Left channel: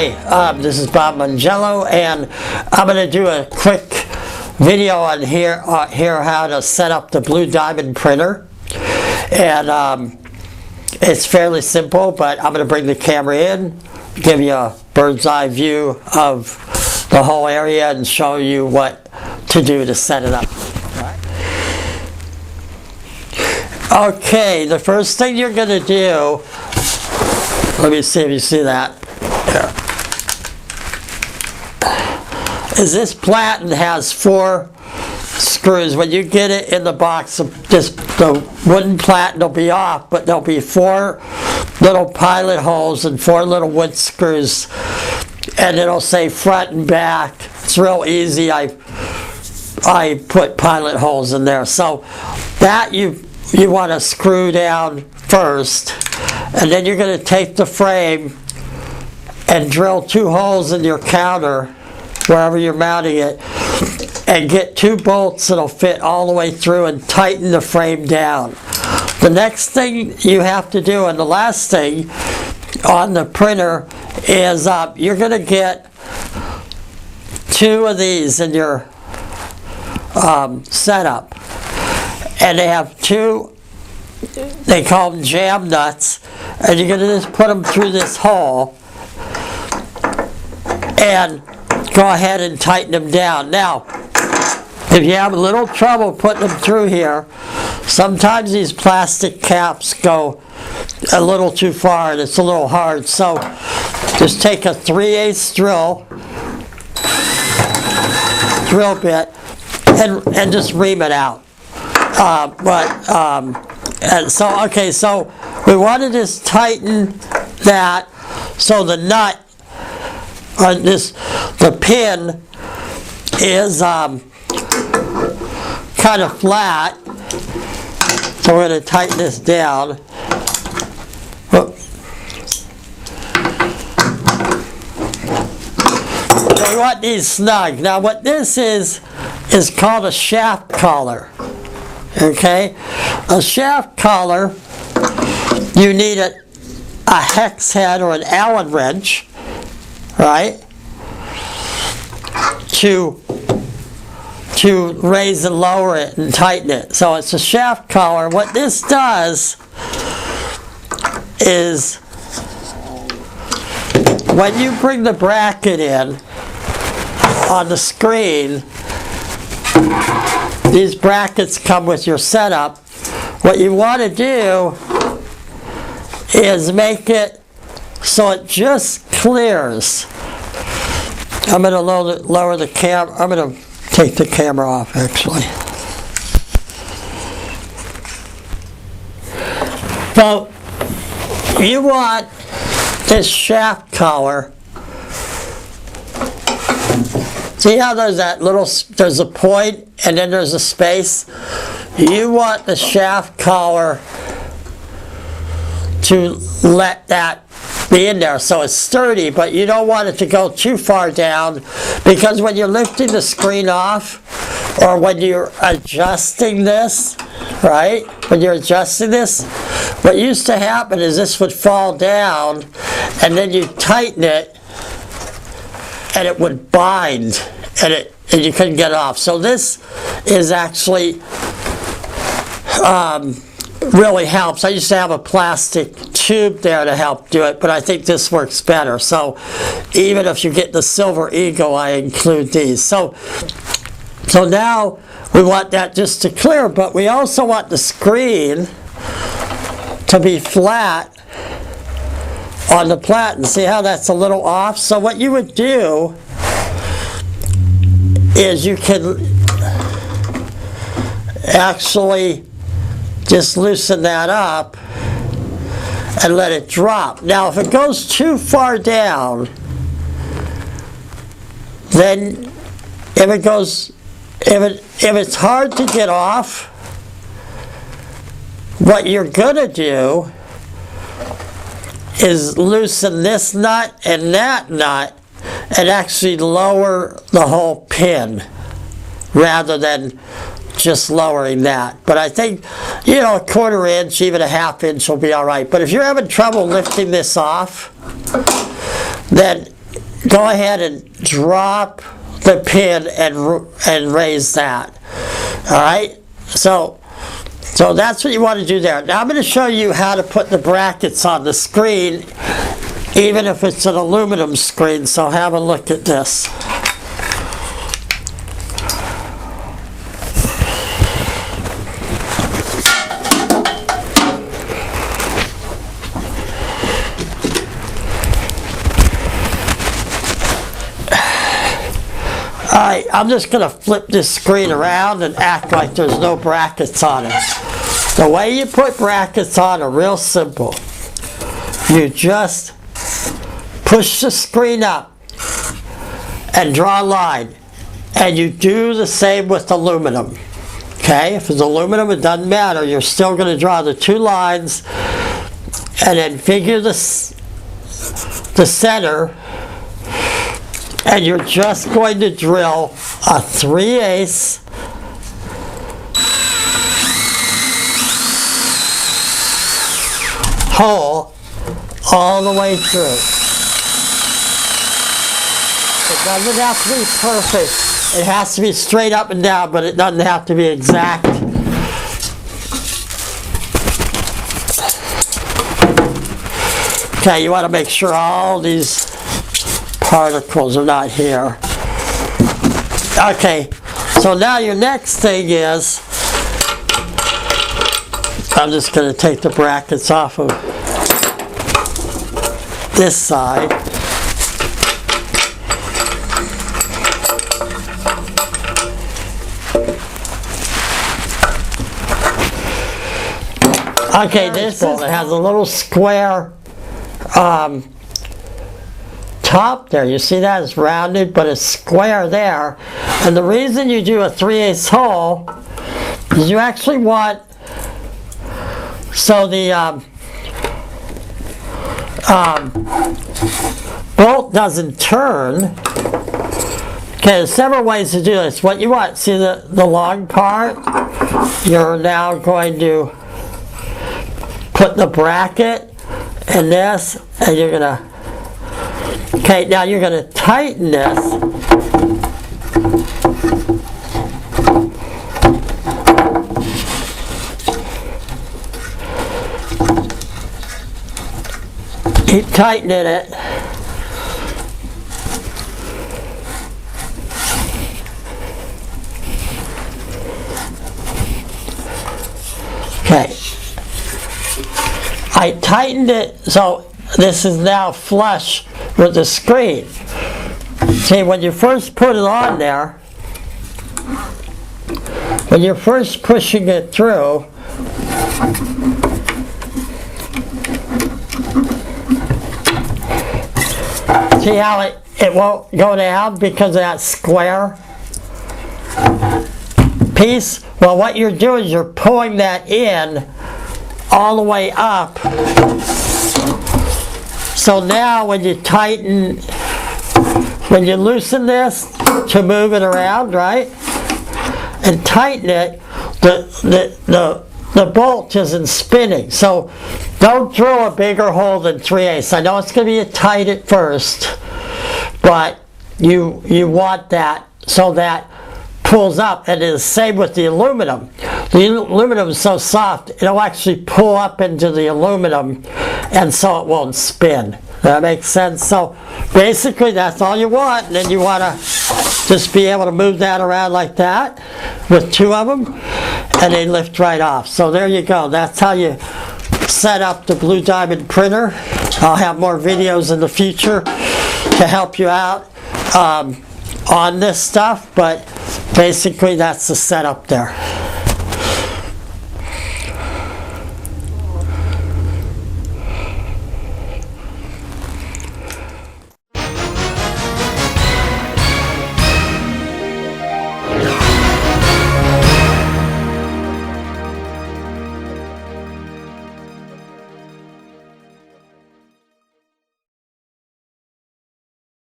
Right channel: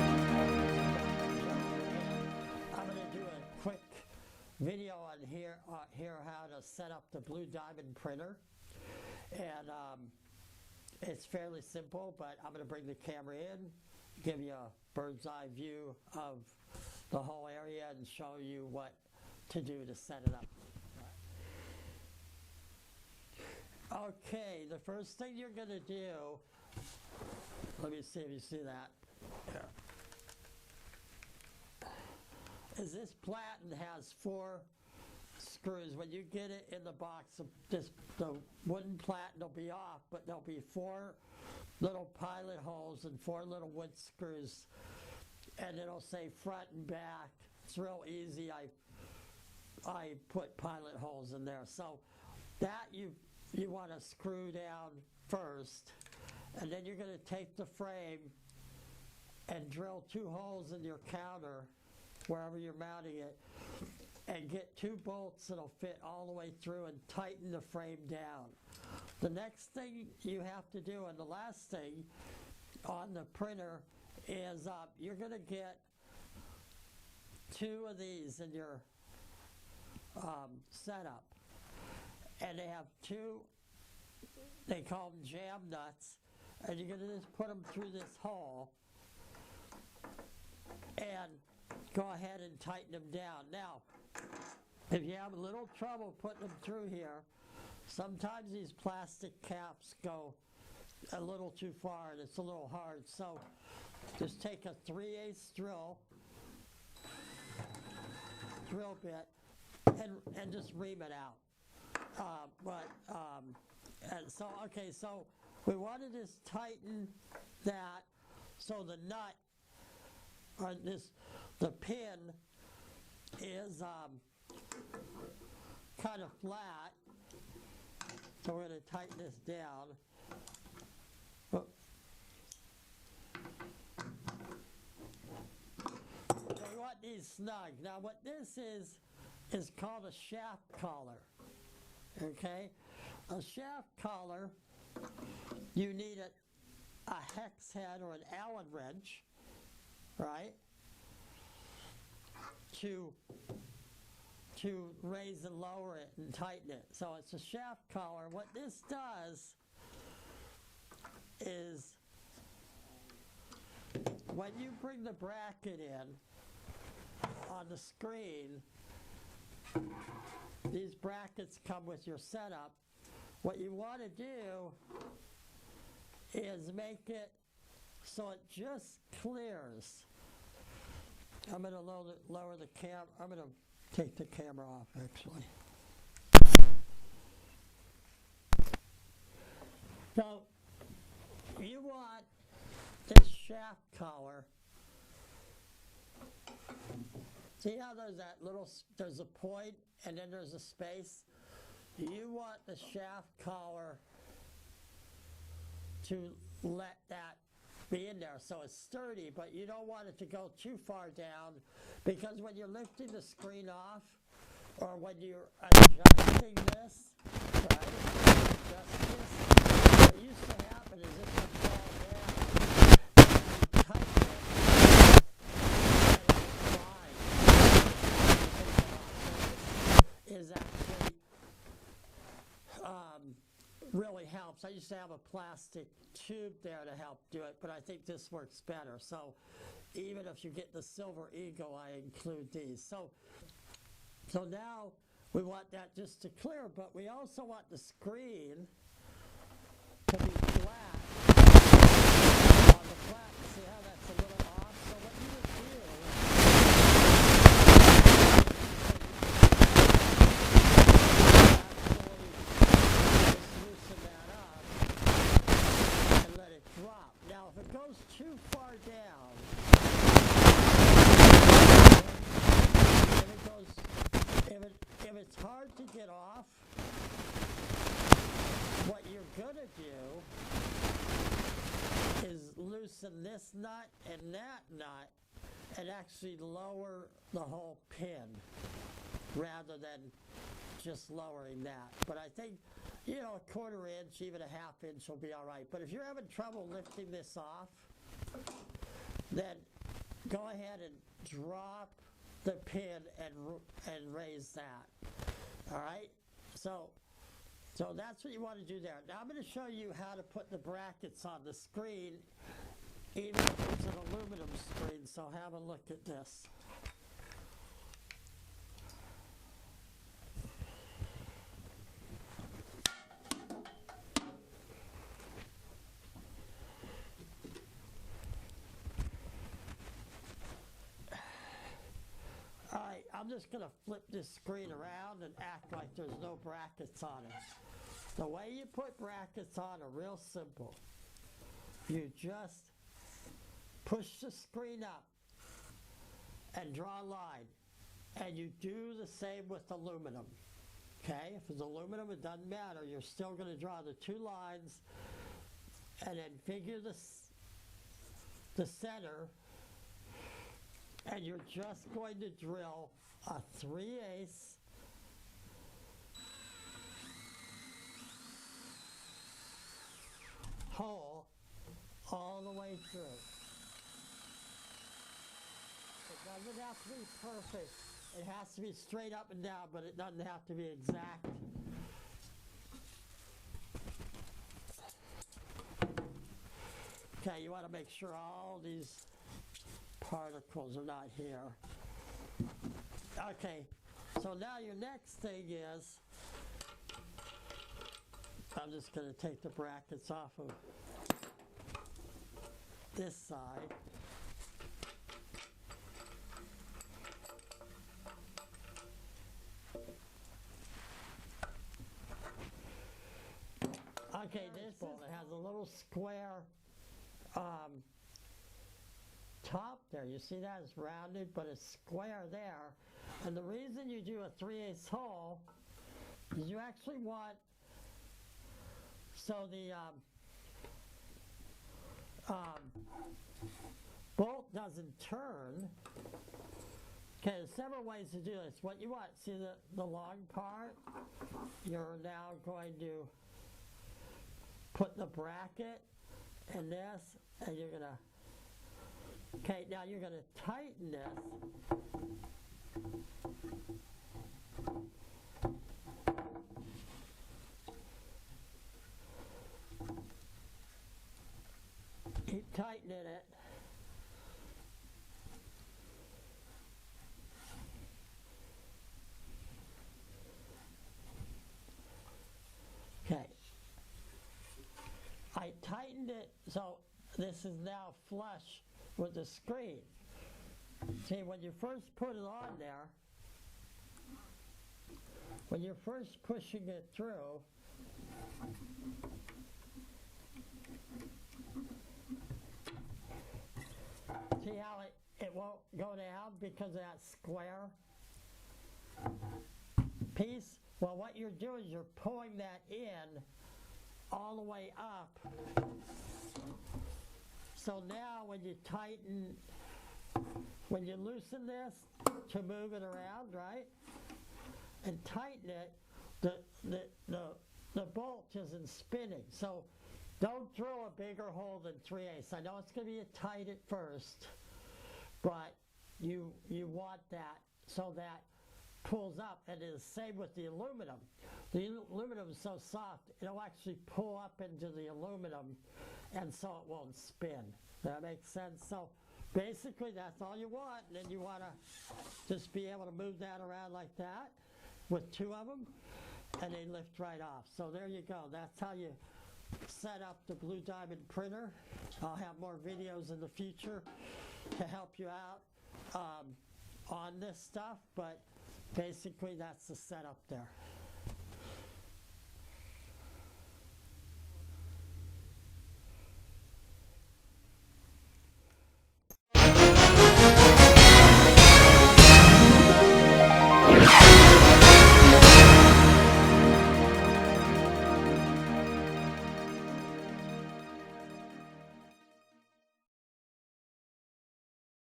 Hi, this is Bob Mongello, and I'm going to do a quick video on here how to set up the Blue Diamond printer. And it's fairly simple, but I'm going to bring the camera in, give you a bird's eye view of the whole area, and show you what to do to set it up. Okay, the first thing you're going to do, let me see if you see that. Here. Is this platen has 4 screws. When you get it in the box, just the wooden platen will be off, but there'll be 4 little pilot holes and 4 little wood screws, and it'll say front and back. It's real easy. I put pilot holes in there. So that you want to screw down first, and then you're going to take the frame and drill 2 holes in your counter wherever you're mounting it, and get 2 bolts that'll fit all the way through and tighten the frame down. The next thing you have to do, and the last thing on the printer, is you're going to get 2 of these in your setup, and they have 2, they call them jam nuts, and you're going to just put them through this hole and go ahead and tighten them down. Now, if you have a little trouble putting them through here, sometimes these plastic caps go a little too far and it's a little hard. So just take a 3/8 drill bit and just ream it out. So we want to just tighten that so the nut on the pin is kind of flat. So we're going to tighten this down. So we want these snug. Now what this is called a shaft collar. Okay? A shaft collar, you need a hex head or an Allen wrench, right, to raise and lower it and tighten it. So it's a shaft collar. What this does is, when you bring the bracket in on the screen, these brackets come with your setup. What you want to do is make it so it just clears. I'm going to lower the camera. I'm going to take the camera off, actually. So you want this shaft collar. See how there's a point and then there's a space? You want the shaft collar to let that be in there so it's sturdy, but you don't want it to go too far down, because when you're lifting the screen off, or when you're adjusting this, right? When you're adjusting this, what used to happen is this would fall down, and then you tighten it, and it would bind, and you couldn't get off. So this is actually really helps. I used to have a plastic tube there to help do it, but I think this works better. So even if you get the Silver Eagle, I include these. So now we want that just to clear, but we also want the screen to be flat on the platen. See how that's a little off? So what you would do is you can actually just loosen that up and let it drop. Now if it goes too far down, then if it's hard to get off, what you're gonna do is loosen this nut and that nut and actually lower the whole pin rather than just lowering that. But I think, a 1/4 inch, even a 1/2 inch will be all right. But if you're having trouble lifting this off, then go ahead and drop the pin and raise that. All right, so that's what you want to do there. Now I'm going to show you how to put the brackets on the screen, even if it's an aluminum screen, so have a look at this. Alright, I'm just going to flip this screen around and act like there's no brackets on it. The way you put brackets on are real simple. You just push the screen up and draw a line. And you do the same with aluminum. Okay, if it's aluminum, it doesn't matter. You're still going to draw the two lines and then figure the center. And you're just going to drill a 3/8 hole all the way through. It doesn't have to be perfect. It has to be straight up and down, but it doesn't have to be exact. Okay, you want to make sure all these particles are not here. Okay, so now your next thing is, I'm just going to take the brackets off of this side. Okay, this bolt, it has a little square top there. You see that? It's rounded, but it's square there. And the reason you do a 3/8 hole is you actually want, so the bolt doesn't turn. Okay, there's several ways to do this. What you want, see the long part? You're now going to put the bracket in this, and you're going to, okay, now you're going to tighten this. Keep tightening it. Okay. I tightened it so this is now flush with the screen. See, when you first put it on there, when you're first pushing it through, see how it won't go down because of that square piece? Well, what you're doing is you're pulling that in all the way up. So now when you tighten, when you loosen this to move it around, right, and tighten it, the bolt isn't spinning. So don't drill a bigger hole than 3/8. I know it's going to be tight at first, but you want that so that pulls up. And it's the same with the aluminum. The aluminum is so soft, it'll actually pull up into the aluminum, and so it won't spin. That makes sense? So basically that's all you want, and then you want to just be able to move that around like that with two of them, and they lift right off. So there you go. That's how you set up the Blue Diamond printer. I'll have more videos in the future to help you out on this stuff, but basically that's the setup there.